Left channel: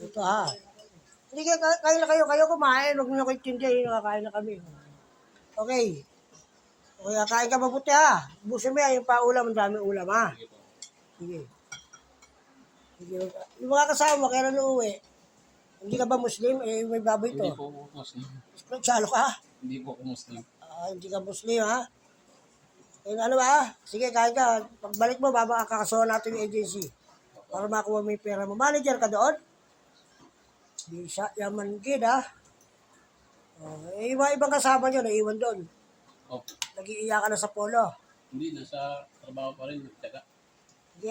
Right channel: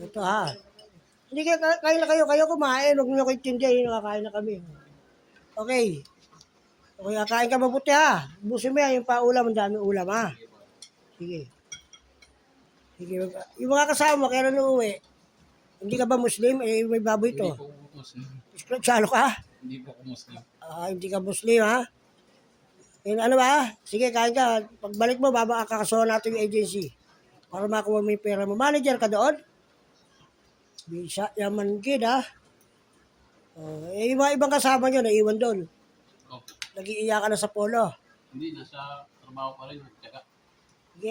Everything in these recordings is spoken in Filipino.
Ito ha. Hindi kayo kumain. Huwag niyo kayo tindihan. Nakakain na kami. Okay. Okay, kain ka mabuti ha. Busin mo yan, yung paulam, ang dami ulam ha. Sige. Sige. Yung mga kasama, kaya na uuwi. Hindi ka ba Muslim? Eh, may baboy to. Hindi po ako Muslim. Salo ka? Hindi po ako Muslim. Hindi ka Muslim ha? Yung ano ba? Sige, kain ka. Pagbalik mo, kakasuhan natin yung agency. Para makuha mo yung pera mo. Manager ka doon? Bisa, yaman kid ha? Yung mga ibang kasama nyo, naiwan doon. Okay. Nag-iiyakan na sa polo. Hindi, nasa trabaho pa rin. Tsaka, Sige,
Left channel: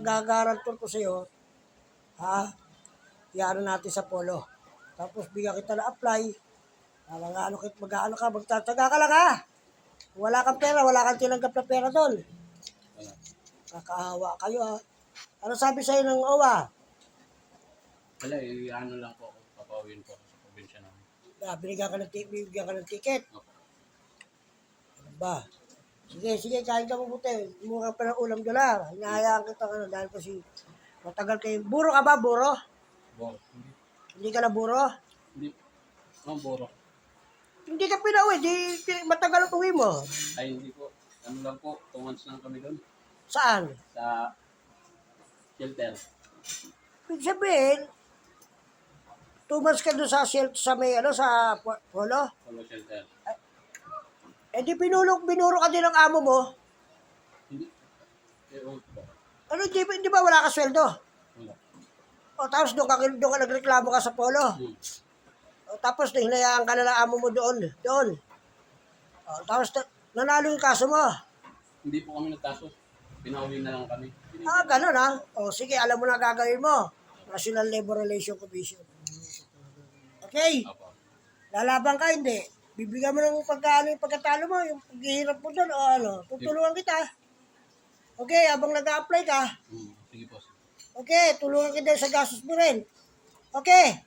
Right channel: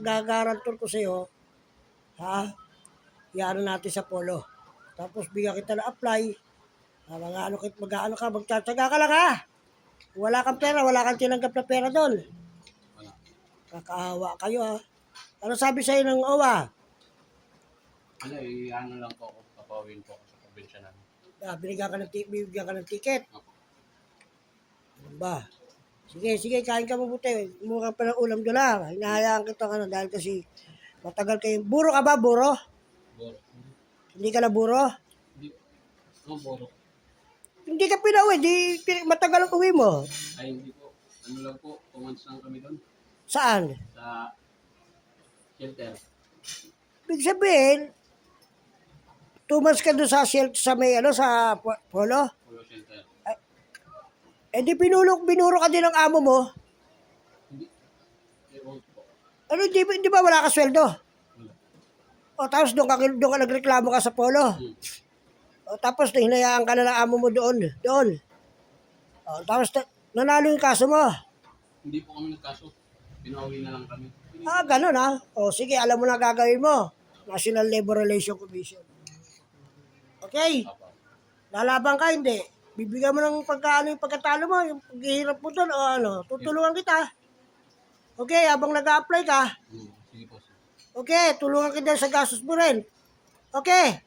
gagarantor ko sa'yo. Ha? Iyaano natin sa polo. Tapos bigyan kita na apply. Mag-ano ka, magtsatsaga ka lang ha? Wala kang pera, wala kang tinanggap na pera doon. wala. Kakaawa kayo ha. Ano sabi sa'yo ng OWA? Wala, ano lang po ako. Papawin po ako sa probinsya namin. Bibigyan ka ng ticket. Opo. Ano ba? Sige, kain ka mabuti. Mukha pa ng ulam doon ha. Hinahayaan kita dahil kasi matagal kayo. Buro ka ba, buro? Boro. Hindi ka na buro? Hindi. Boro. Hindi ka pinauwi, matagal ang uwi mo. Ay, hindi po. Ano lang po, 2 months lang kami doon. Saan? Sa shelter. Ibig sabihin, 2 months ka doon sa shelter, sa may sa polo? Polo shelter. Eh di binuro ka din ng amo mo. Hindi. Ewan po. Ano, di ba wala ka sweldo? Wala. O tapos doon ka nagreklamo ka sa polo. O tapos hinayaan ka na ng amo mo doon. O tapos nanalo yung kaso mo. Hindi po kami nagkaso. Pinauwi na lang kami. Ganun ha. O sige, alam mo na gagawin mo. National Labor Relations Commission. Okay? Opo. Lalaban ka, hindi. Bibigyan mo ng yung pagkatalo mo, yung paghihirap mo doon, o tutulungan kita. Okay, habang nag-a-apply ka, Sige po. okay, tulungan kita sa gastos mo rin. Okay?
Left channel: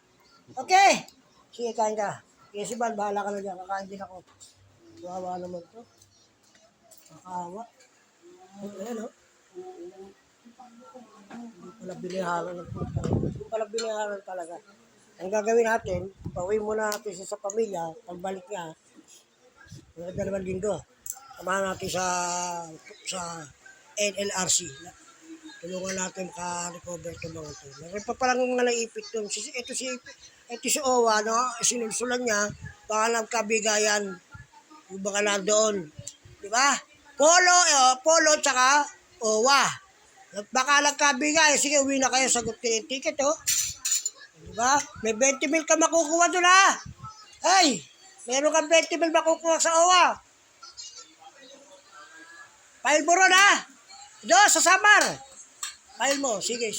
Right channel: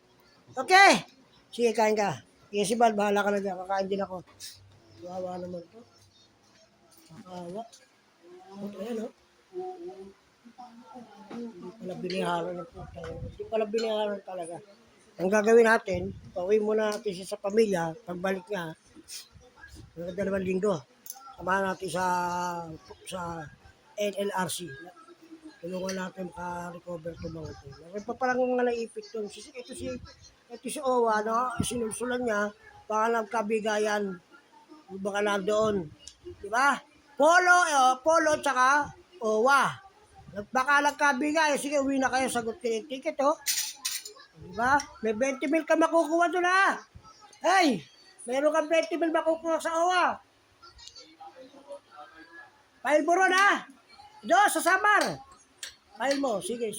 Okay? Sige, kain ka. Sige, si Bal, bahala ka na dyan. Kakain din ako. Wawa naman to. Kakawa. Ayan, o. Hindi pala biniharan ng puta. Hindi pala biniharan talaga. Ang gagawin natin, pauwi muna natin siya sa pamilya, pagbalik niya, mga 2 linggo, samahan natin sa NLRC. Tulungan natin maka-recover ito mga ito. Meron pa palang mga naipit doon. Ito si OWA, sinulsulan niya, baka nagkabigayan, baka na doon. Di ba? Polo tsaka OWA. Baka nagkabigay, sige, uwi na kayo, sagot kayo yung ticket, oh. Diba? May 20 mil ka makukuha doon ha. Hey, meron kang 20 mil makukuha sa OWA. File mo ron ha. Doon sa Samar. File mo. Sige.